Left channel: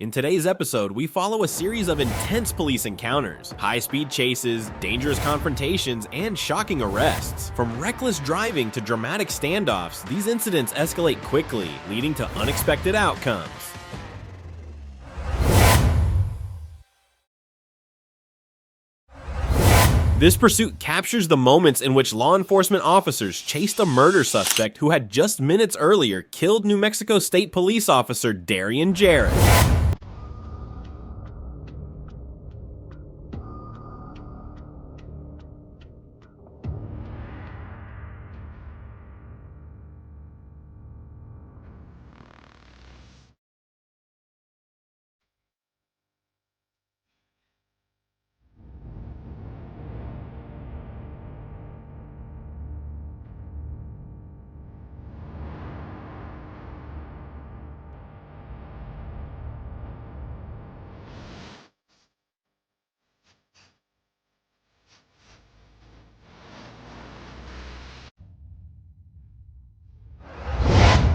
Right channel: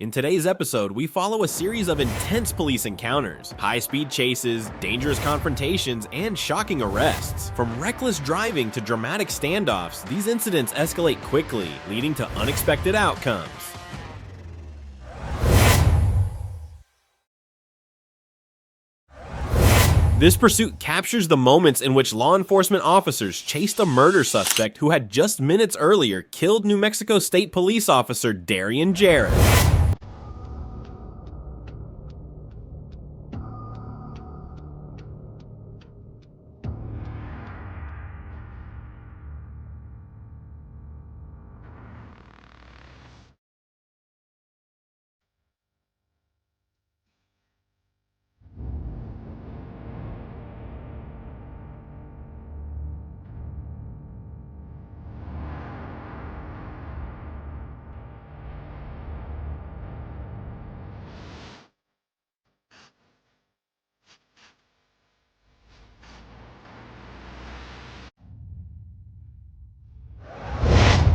In today's episode, we follow a series of intense police encounters, high-speed chases, dangerous confrontations, and shocking arrests. From reckless driving to dramatic standoffs, these incidents escalate quickly, leading to unexpected outcomes. This pursuit captures the moments in which law enforcement officers chased a murder suspect who had just minutes earlier killed New Mexico State Police Officer Darian Jarrett.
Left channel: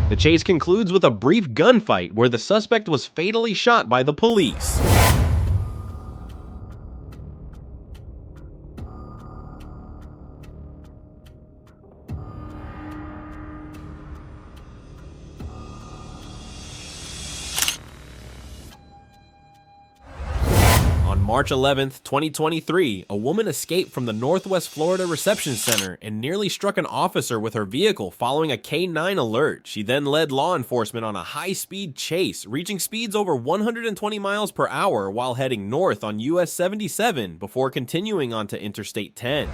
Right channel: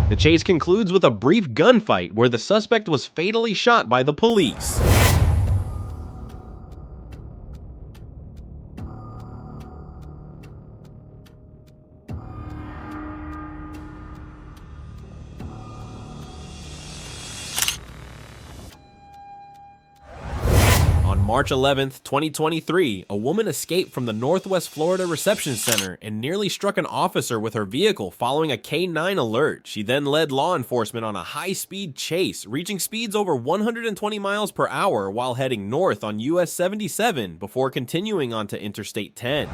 The chase concludes with a brief gunfight where the suspect was fatally shot by the police. On March 11th, 2023, a woman escaped from the Northwest Florida Reception Center and nearly struck an officer with her vehicle following a K-9 alert. She then led law enforcement on a high-speed chase, reaching speeds over 120 miles per hour while heading north on US 77 before continuing onto Interstate 10.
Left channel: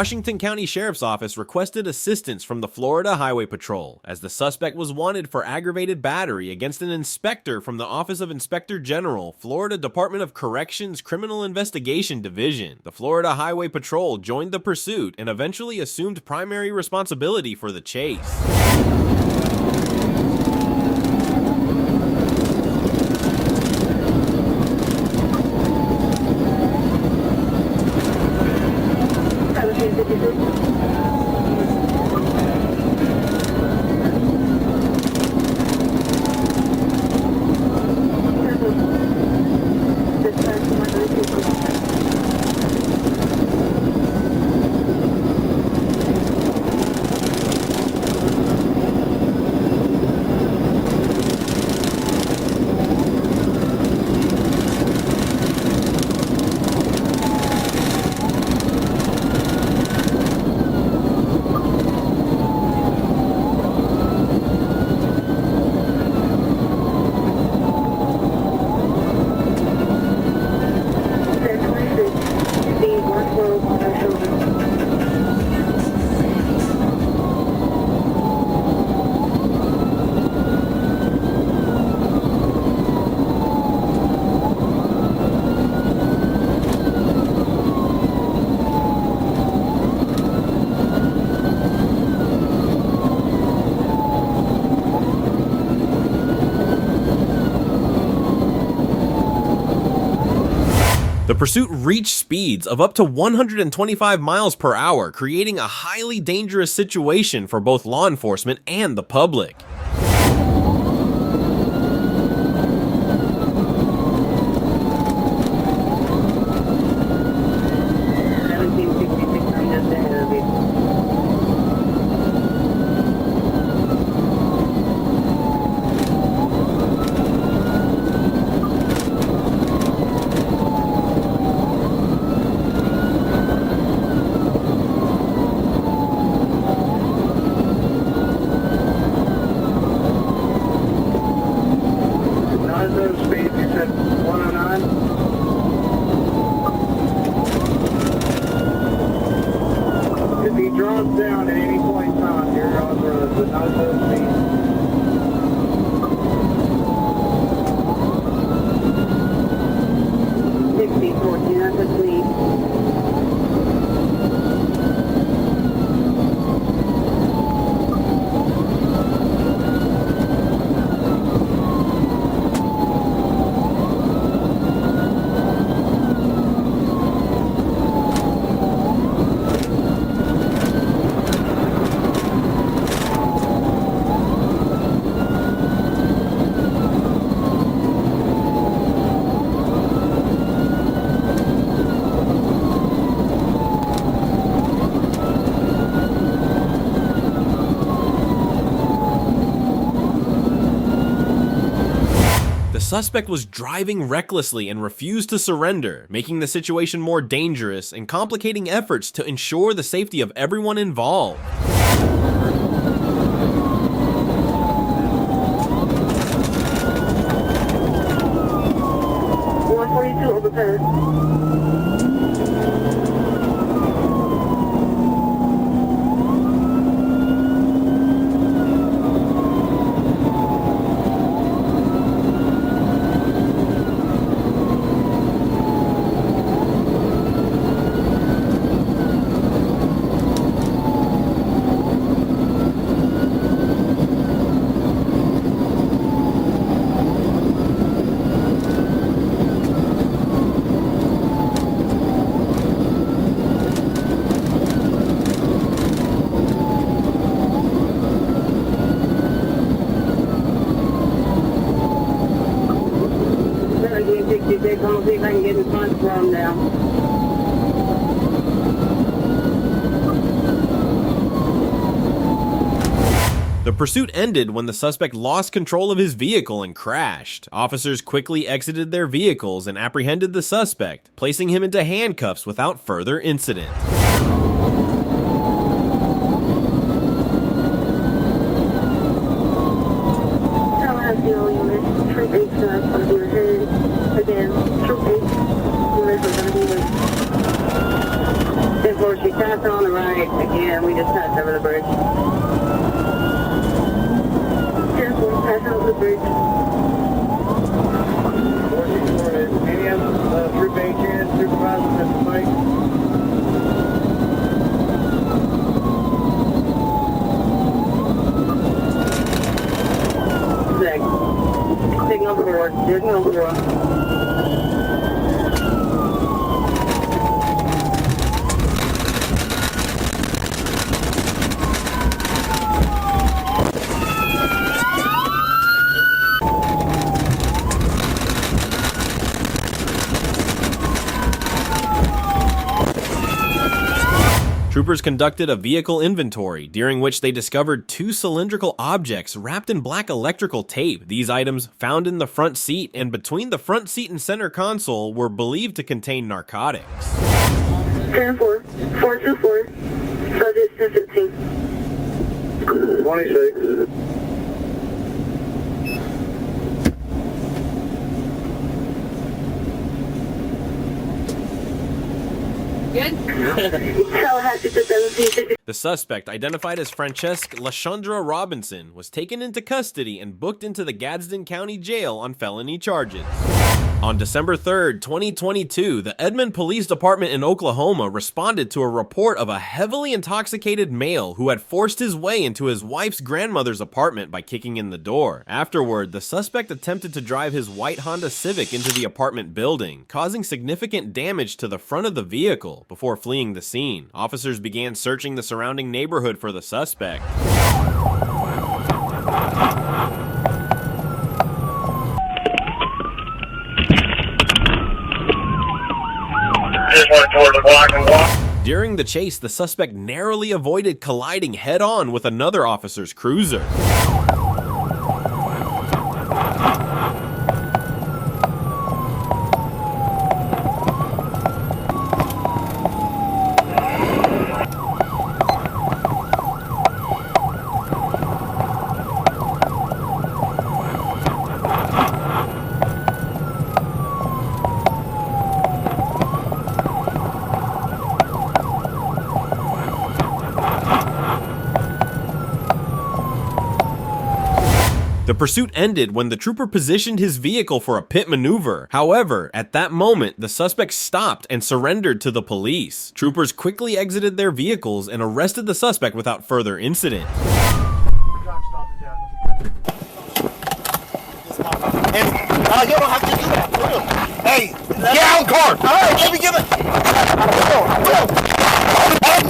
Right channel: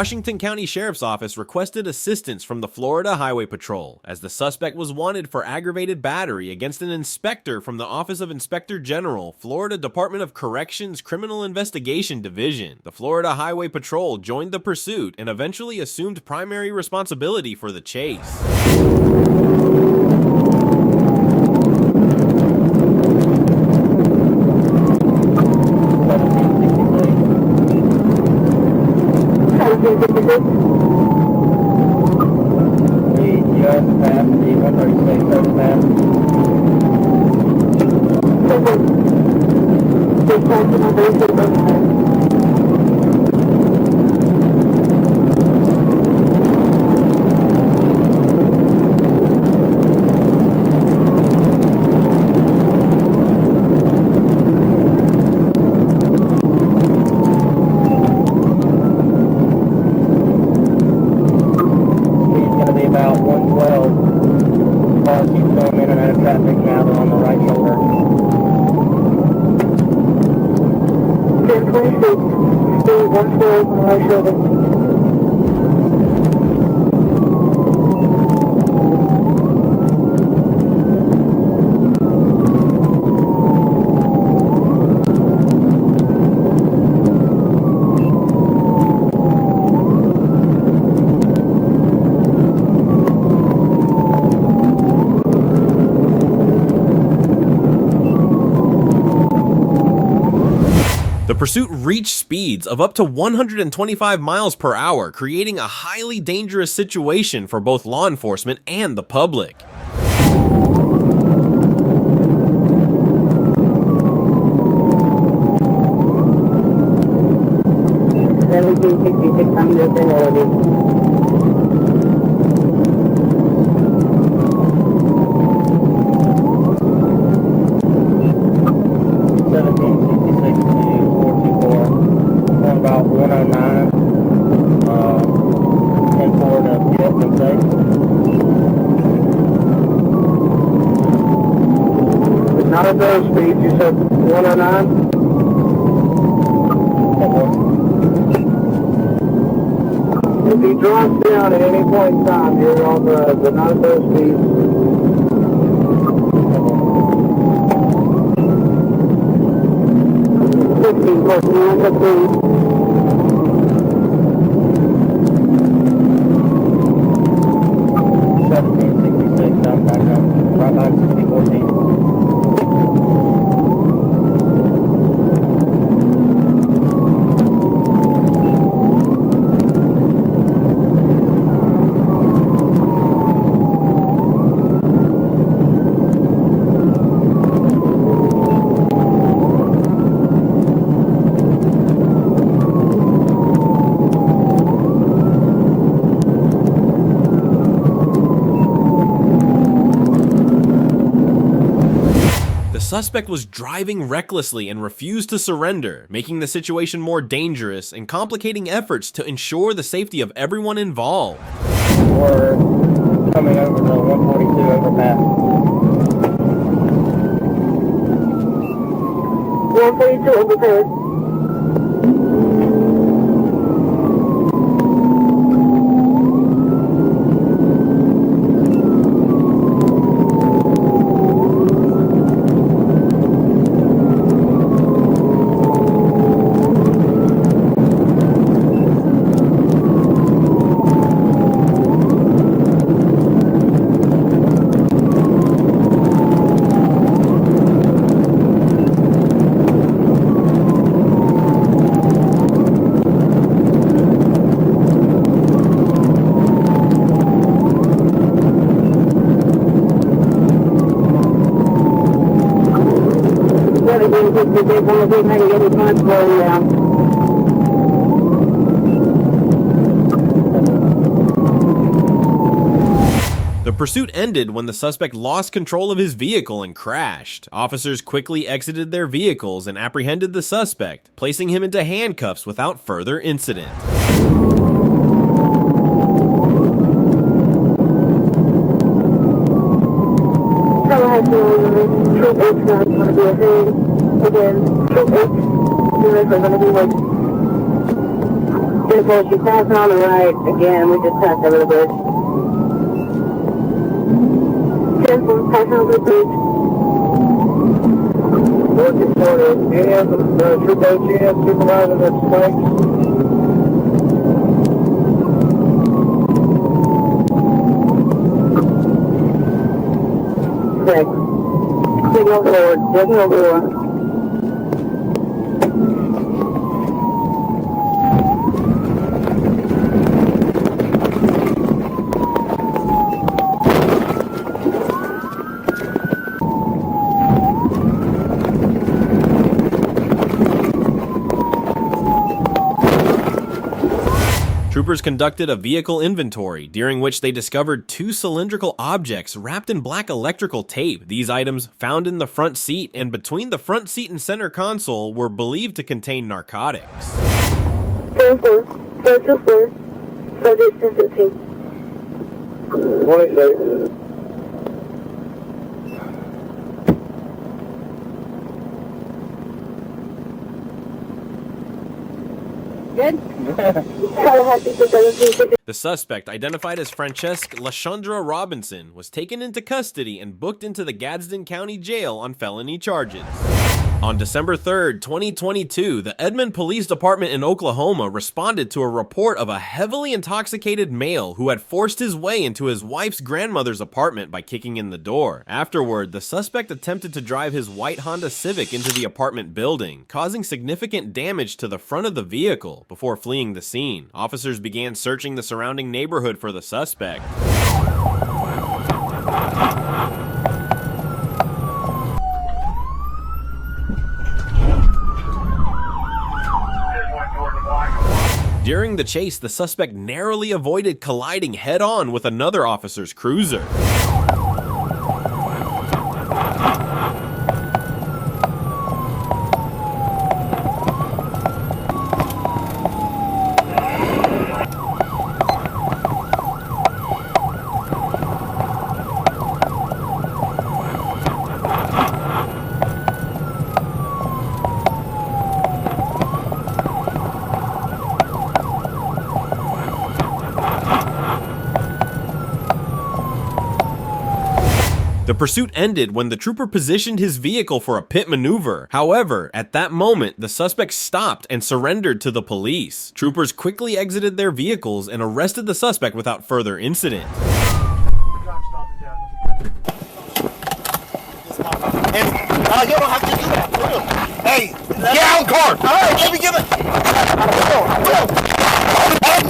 Washington County Sheriff's Office requested assistance from the Florida Highway Patrol, as the suspect was wanted for aggravated battery against an inspector from the Office of Inspector General, Florida Department of Corrections Criminal Investigation Division. The Florida Highway Patrol joined the pursuit and eventually assumed primary responsibility for the chase. The pursuit reached speeds of up to 125 miles per hour, creating a highly dangerous situation for both law enforcement and the public. Down at 8.5 here on the 9 speed. 15 please. The suspect was driving recklessly and refused to surrender, making the situation more dangerous and complicating efforts to ensure the safety of everyone involved. We're coming over the 142 overpass. 142 overpass. The pursuit ended when the suspect lost control of his vehicle and crashed. Officers quickly exited their vehicles and apprehended the suspect, placing him into handcuffs without further incident. Troopers conducted a vehicle inventory, during which they discovered two cylindrical objects wrapped in black electrical tape. These items, found in the front seat and between the front seat and center console, were believed to contain narcotics. Careful, 424, subject 15. 26. Good? The suspect, identified as Francesca LaShundra Robinson, was taken into custody and booked into the Gadsden County Jail on felony charges. On December 3rd, 2022, the Edmond Police Department in Oklahoma responded to a report of a heavily intoxicated male who had forced his way into his wife's grandmother's apartment by kicking in the door. Afterward, the suspect attempted to drive his white Honda Civic into the apartment building, causing significant damage to the front of the vehicle before fleeing the scene. Officers began searching the surrounding neighborhood for the suspect. During the chase, the suspect narrowly avoided colliding head-on with another officer's cruiser. The pursuit ended when the trooper positioned his vehicle for a pit maneuver. However, at that moment, the suspect stopped and surrendered to the police. Troopers quickly exited their vehicles and arrested the suspect without further incident. You don't have to do that. Hey, get out of the car. All right, let me give it. No. Let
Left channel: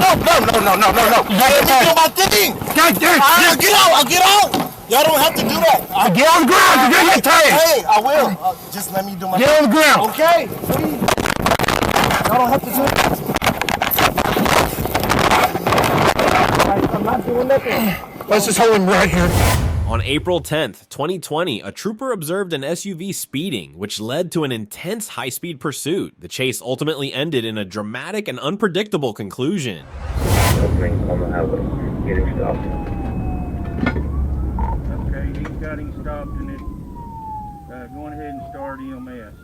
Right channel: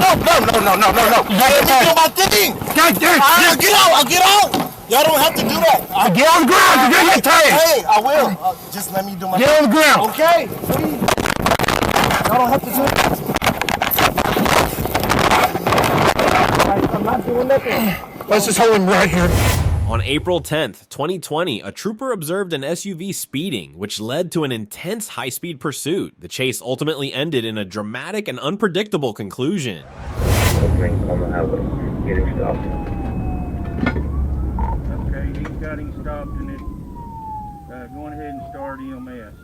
me do my thing. I'll get out. Y'all don't have to do that. Get on the ground. You're gonna get tired. Hey, I will. Just let me do my thing. Get on the ground. Okay, please. Y'all don't have to do it. I'm not doing nothing. Let's just hold him right here. On April 10th, 2020, a trooper observed an SUV speeding, which led to an intense high-speed pursuit. The chase ultimately ended in a dramatic and unpredictable conclusion. Opening on the highway, getting stopped. Okay, he's got him stopped and it's going ahead and start EMS.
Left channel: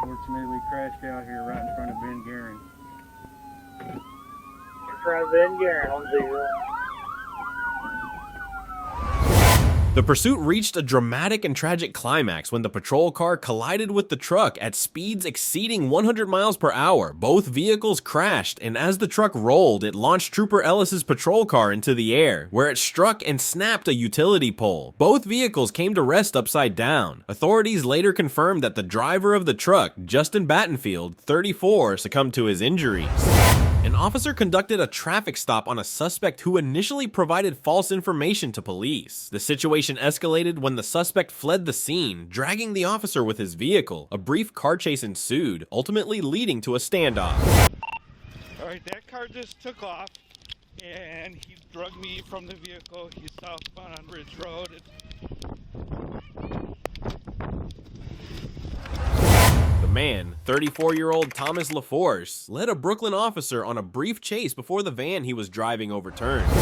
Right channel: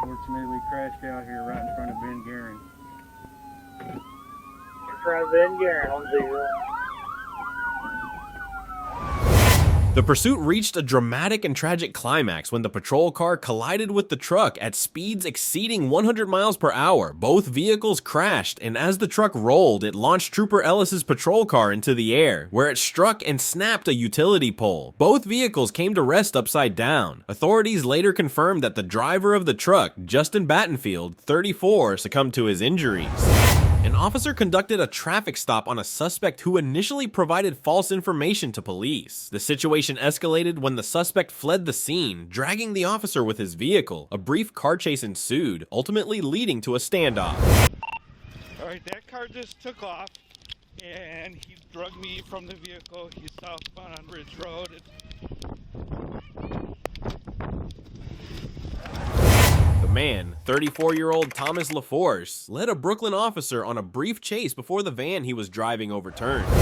Fortunately, we crashed out here right in front of Ben Guerin. The pursuit reached a dramatic and tragic climax when the patrol car collided with the truck at speeds exceeding 100 miles per hour. Both vehicles crashed, and as the truck rolled, it launched Trooper Ellis's patrol car into the air, where it struck and snapped a utility pole. Both vehicles came to rest upside down. Authorities later confirmed that the driver of the truck, Justin Battenfield, 34, succumbed to his injuries. An officer conducted a traffic stop on a suspect who initially provided false information to police. The situation escalated when the suspect fled the scene, dragging the officer with his vehicle. A brief car chase ensued, ultimately leading to a standoff. Alright, that car just took off and he drug me from the vehicle. He's southbound on Ridge Road. The man, 34-year-old Thomas LaForce, led a Brooklyn officer on a brief chase before the van he was driving overturned.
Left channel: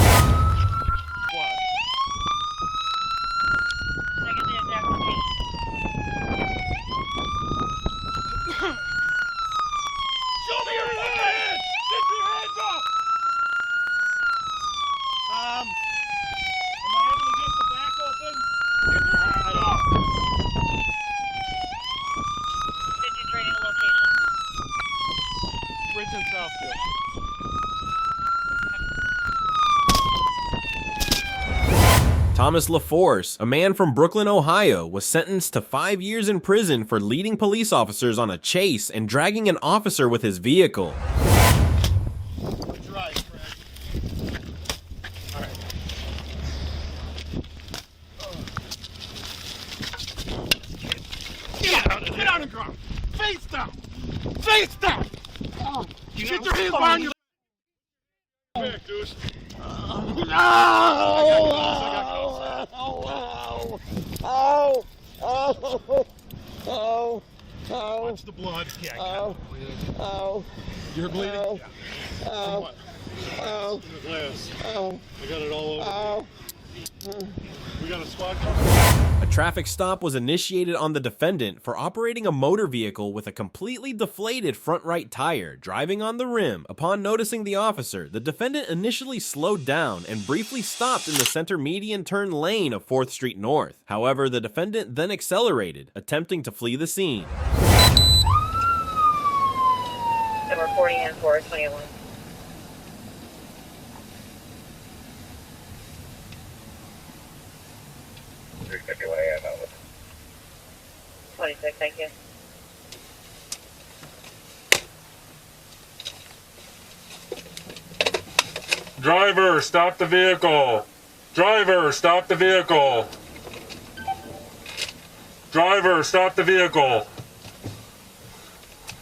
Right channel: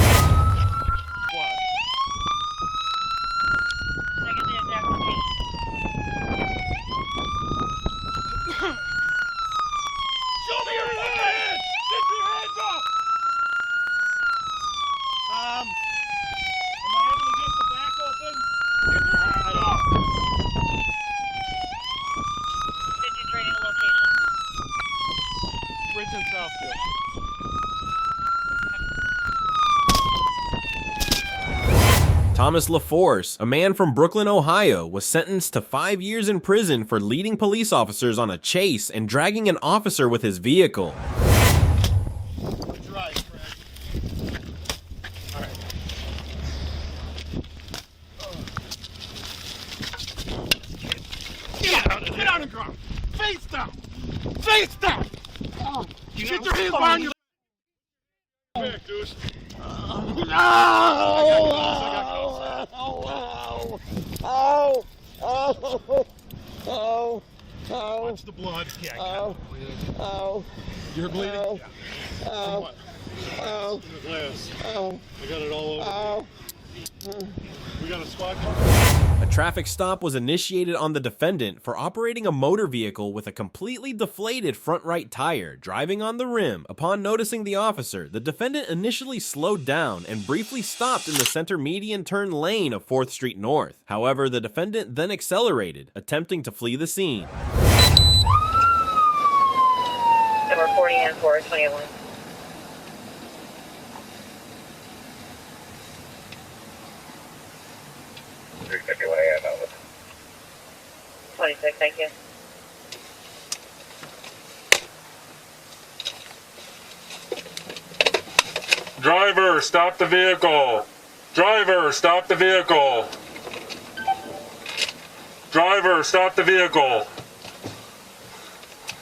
Thomas LaForce, a man from Brooklyn, Ohio, was sentenced to 5 years in prison for leading police officers on a chase and dragging an officer with his vehicle. Get on the ground! Face down! Face down! Get your hands behind your back, dude. Watch the blood. Yeah, you're bleeding? Yeah. From what? The glass. I got it all over. We got a squad coming? A traffic stop was initiated on the defendant for operating a motor vehicle with a completely deflated front right tire, driving on the rim. Upon noticing the officer, the defendant initially slowed down and briefly stopped in the center median turn lane of 4th Street North. However, the defendant then accelerated, attempting to flee the scene. Number 40 and 421. Over. 26, thank you. Driver, stop the vehicle. Driver, stop the vehicle. Driver, stop the vehicle.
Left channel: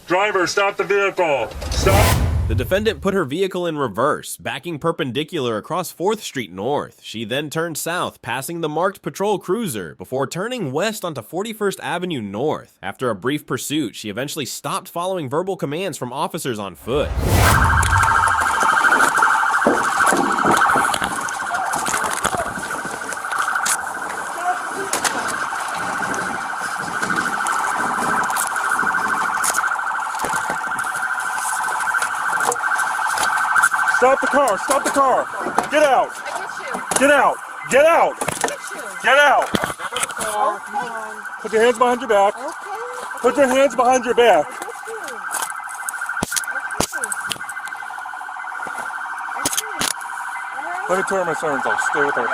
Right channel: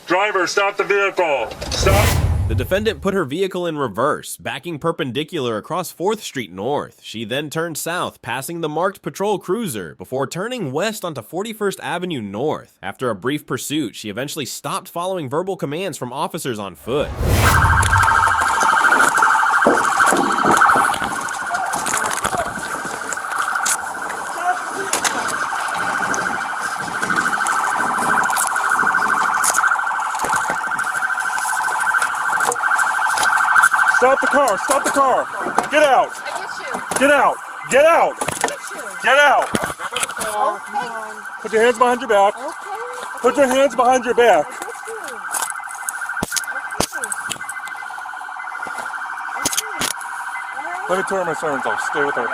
Driver, stop the vehicle. Stop. The defendant put her vehicle in reverse, backing perpendicular across 4th Street North. She then turned south, passing the marked patrol cruiser, before turning west onto 41st Avenue North. After a brief pursuit, she eventually stopped following verbal commands from officers on foot. Stop the car. Stop the car. Get out. Get out. Get out. Get out. Put your hands behind your back. Put your hands behind your back. Let me turn my sirens off. Stay with her.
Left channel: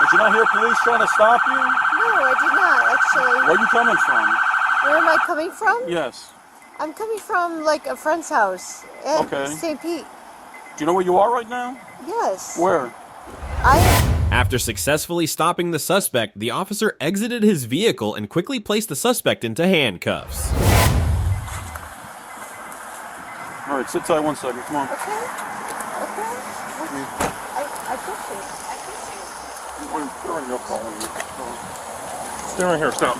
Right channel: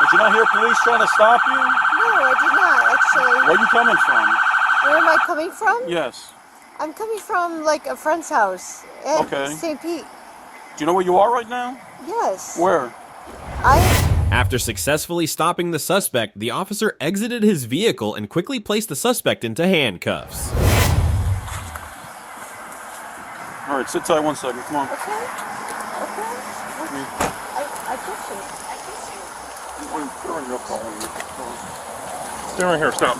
Did you not hear police trying to stop you? No, I did not, actually. Where are you coming from? Where am I coming from? Yes. I'm coming from, like, a friend's house at St. Pete. Do you know where you are right now? Yes. Where? After successfully stopping the suspect, the officer exited his vehicle and quickly placed the suspect into handcuffs. All right, sit tight 1 second. Come on. Okay. Okay. I appreciate it. Stay right here. Stop.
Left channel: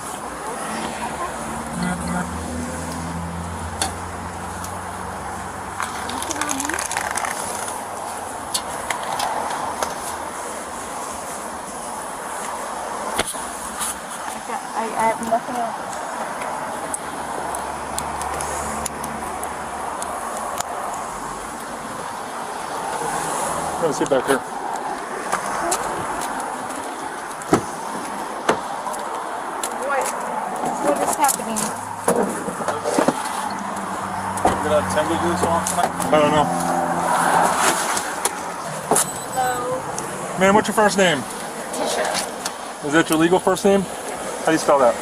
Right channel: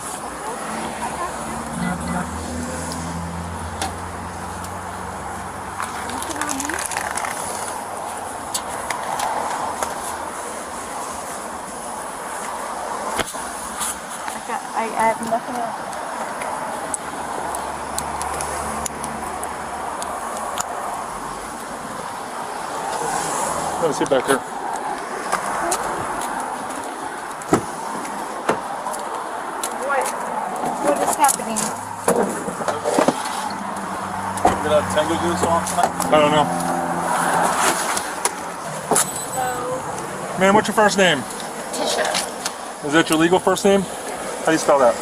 I have nothing else. Let me sit back here. What is happening? We're gonna attempt to do this on tonight? I don't know. Hello? Man, what's your first name? Tisha. Is that your legal first name? How do you spell that?